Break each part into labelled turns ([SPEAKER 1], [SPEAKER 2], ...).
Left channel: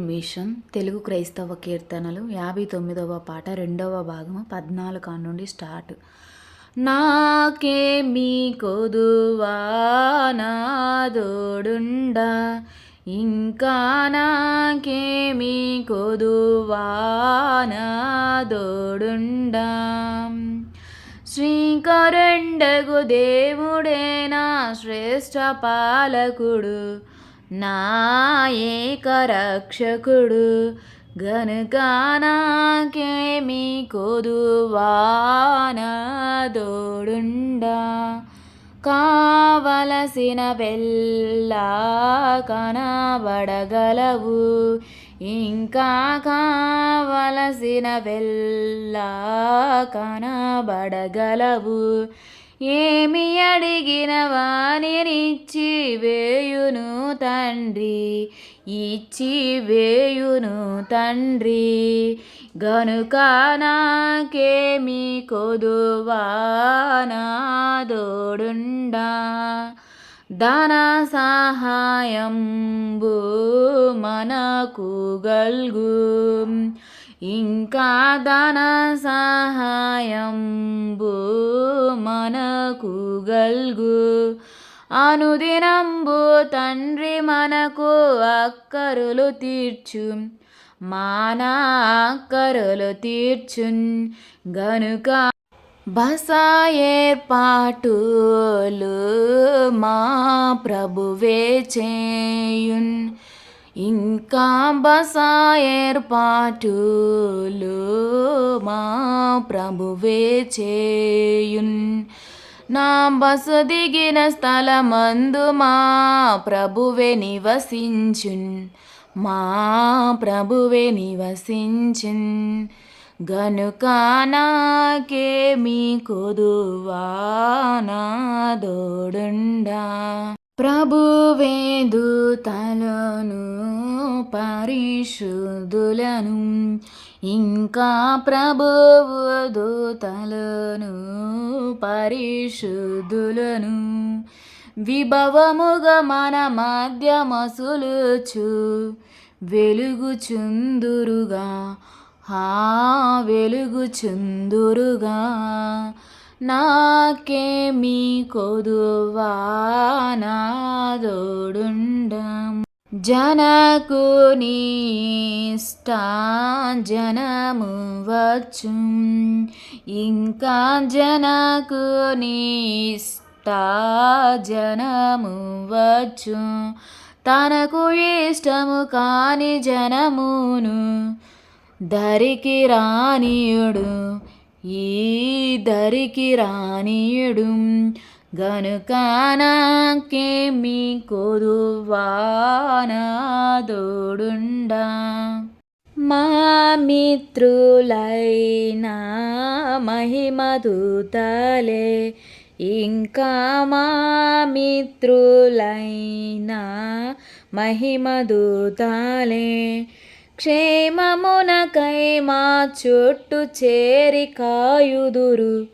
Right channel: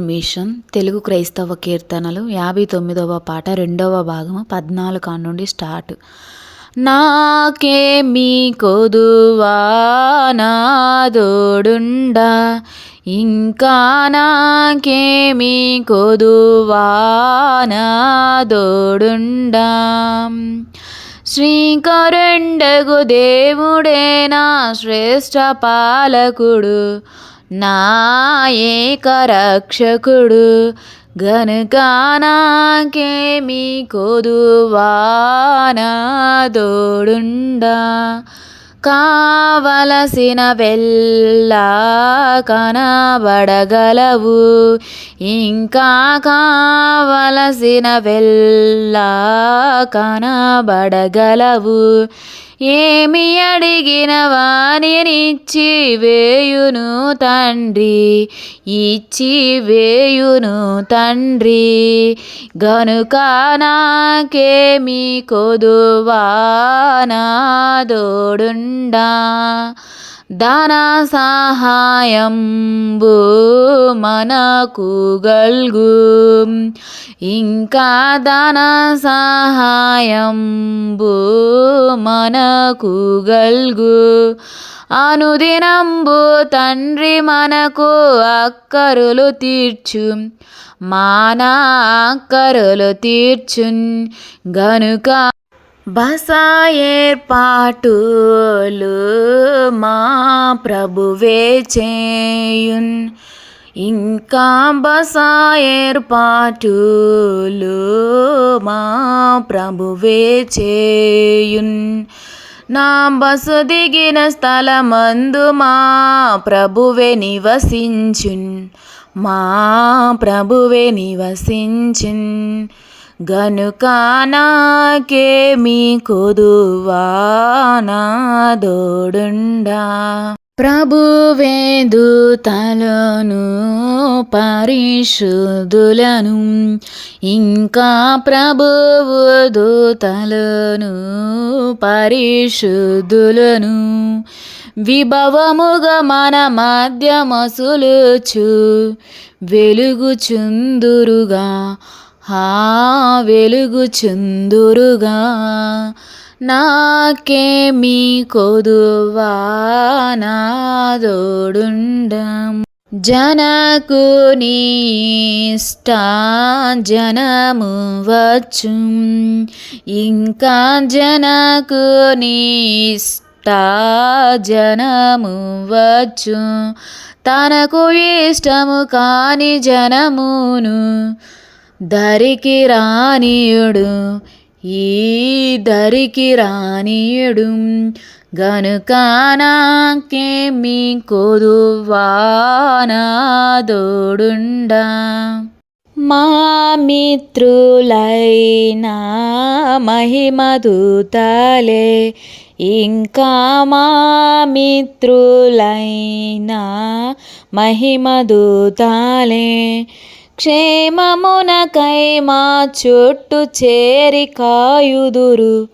[SPEAKER 1] Machine Telugu క్రైస్తవ కీర్తనలు యాభై తొమ్మిదవ పాట రెండవ భాగము పద్నాలుగు నుండి స్టార్ట్. నాకేమి కొదువా నాదోడుండా ఇంకా నాకేమి కొదువా నాదోడుండా శ్రీకరుండగు దేవుడే నా శ్రేష్ఠ పాలకుడు నా రక్షకుడు గనుక నాకేమి కొదువా తోడుండా కావలసిన వెళ్ళా కనబడగలవు. ఇంకా కావలసిన వెళ్ళా కనబడగలవు. ఏమి అడిగిన వానినిచ్చి వేయును తండ్రి? ఇచ్చి వేయును తండ్రి. గనుక నాకేమి కొదువా? నాదోడుండా ధన సహాయంబు మనకు గల్గు. ఇంకా ధన సహాయంబు మనకు గల్గు. అనుదినంబు తండ్రి మనకు అక్కరులు తీర్చు. మానా అక్కరులు తీర్చున్. గనుక బస ఏర్పాటులు మా ప్రభువే చేయున్. ఇంకా బస ఏర్పాటులు మా ప్రభువే చేయున్. నా బసు దిగిన స్థలమందు మా ప్రభువే నివసించున్. మా ప్రభువే నివసించున్. గనుక నాకేమి కొదువా ప్రభువే దూతలను పరిశుద్ధులను ఇంకా ప్రభువు దూతలను పరిశుద్ధులను. విభవముగా మన మధ్య మసులుచు వెలుగుచుందురుగా. హా వెలుగుచుందురుగా నాకేమి కొదువా నాదోడుండం జనకు ఇష్ట జనము వచ్చు. ఇంకా జనకు ఇష్ట జనము వచ్చు. తనకు ఇష్టము కాని జనమును దరికి రానియుడు ఈ దరికి రానియుడు. గనుక నాకేమి కొదువా నాదోడుండా మా మిత్రులైనా మహిమదూతలే ఇంకా మా మిత్రులైనా మహిమదూతలే క్షేమమునకై మా చుట్టు చేరి కాయుదురు.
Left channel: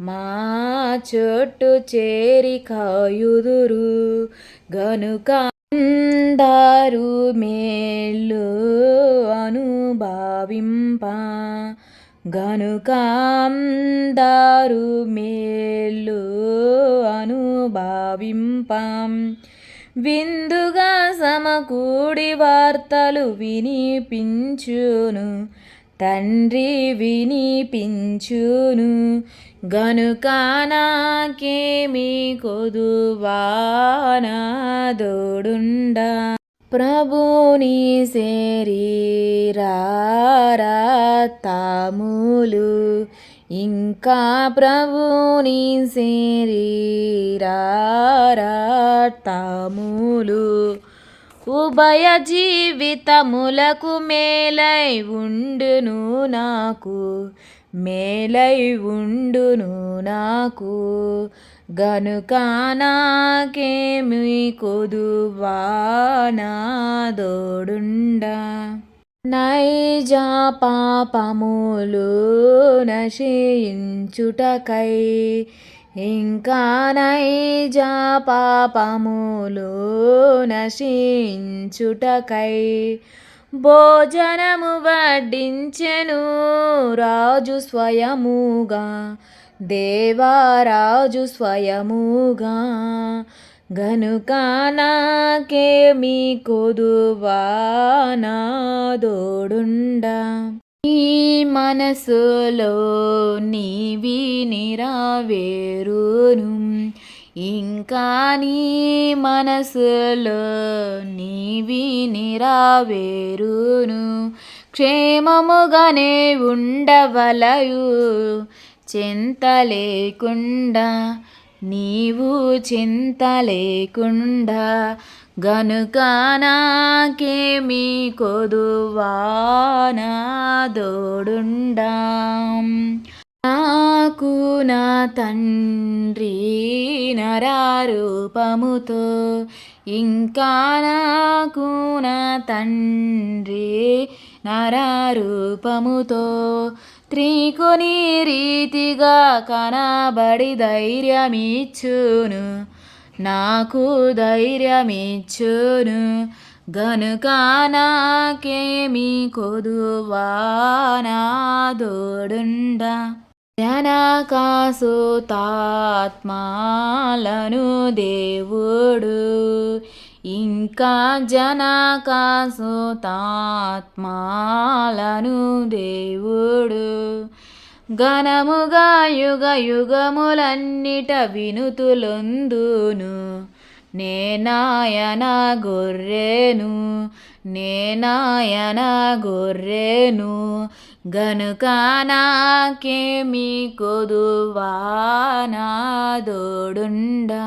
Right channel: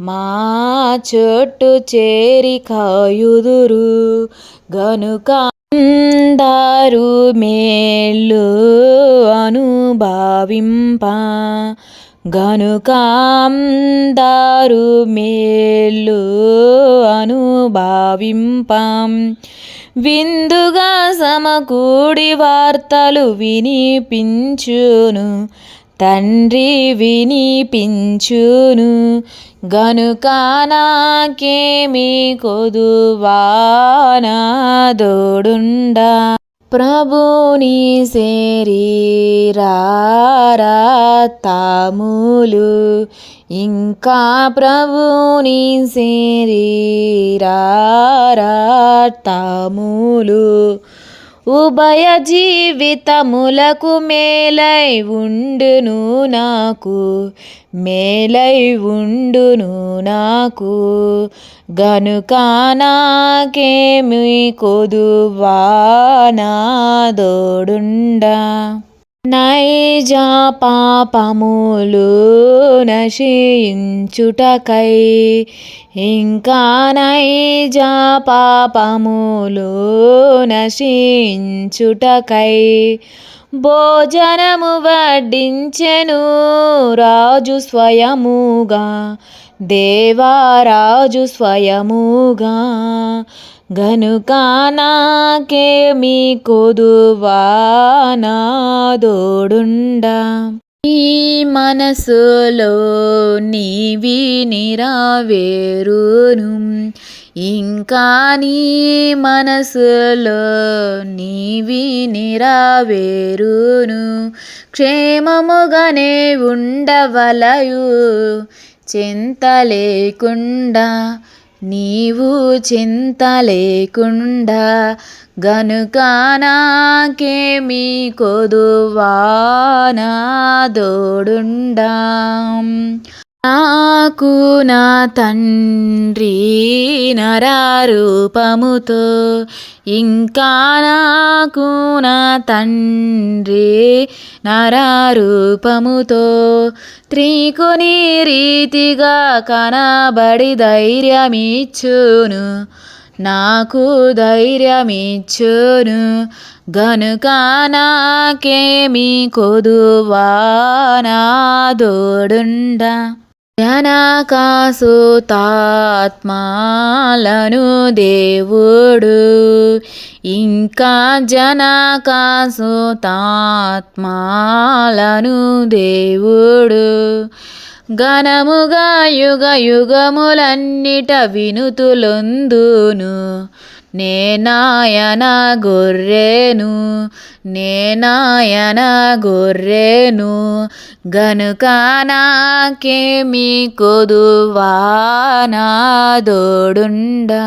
[SPEAKER 1] మా చుట్టు చేరి కాయుదురు. గనుక అందరు మేలు అనుభావింప. గనుక అందరు మేలు అనుభావింపం. విందుగా సమకూడి వార్తలు వినిపించును. తండ్రి వినిపించును. గనుక నాకేమి కొదువానా నాదోడుండా ప్రభుని శరీరారతాములు ఇంకా ప్రభుని శరీరారతాములు ఉభయ జీవితములకు మేలై ఉండును నాకు. మేలై ఉండును నాకు. గనుక నాకేమి కొదువా? నాదోడుండా నైజ పాపములు నశించుటకై ఇంకా నైజ పాపములు నశించుటకై భోజనము వడ్డించెను రాజు స్వయముగా దేవారాజు స్వయముగా. గనుక నాకేమి కొదువా నాదోడుండా నీ మనసులో నీవి నిరావేరును. ఇంకా నీ మనసులో నీవి నిరావేరును. క్షేమముగానే ఉండవలయు చింత లేకుండా నీవు చింత లేకుండా గనుక నాకేమి కొదువానా దోడుండా. నాకు నా తండ్రి నరారూపముతో ఇంకా నాకు నా తండ్రి నరారూపముతో. త్రికుని రీతిగా కనబడి ధైర్యమిచ్చును నాకు ధైర్యమిచ్చును. గనుక నాకేమి కొదువా నాదోడుండా జనకాసుతాత్మాలను దేవుడు ఇంకా జనకాసుతాత్మాలను దేవుడు. ఘనముగా యుగ యుగములన్నిట వినుతులొందును. నేనాయన గొర్రెను నేనాయన గొర్రెను గనుక నాకేమి కొదువా నాదోడుండా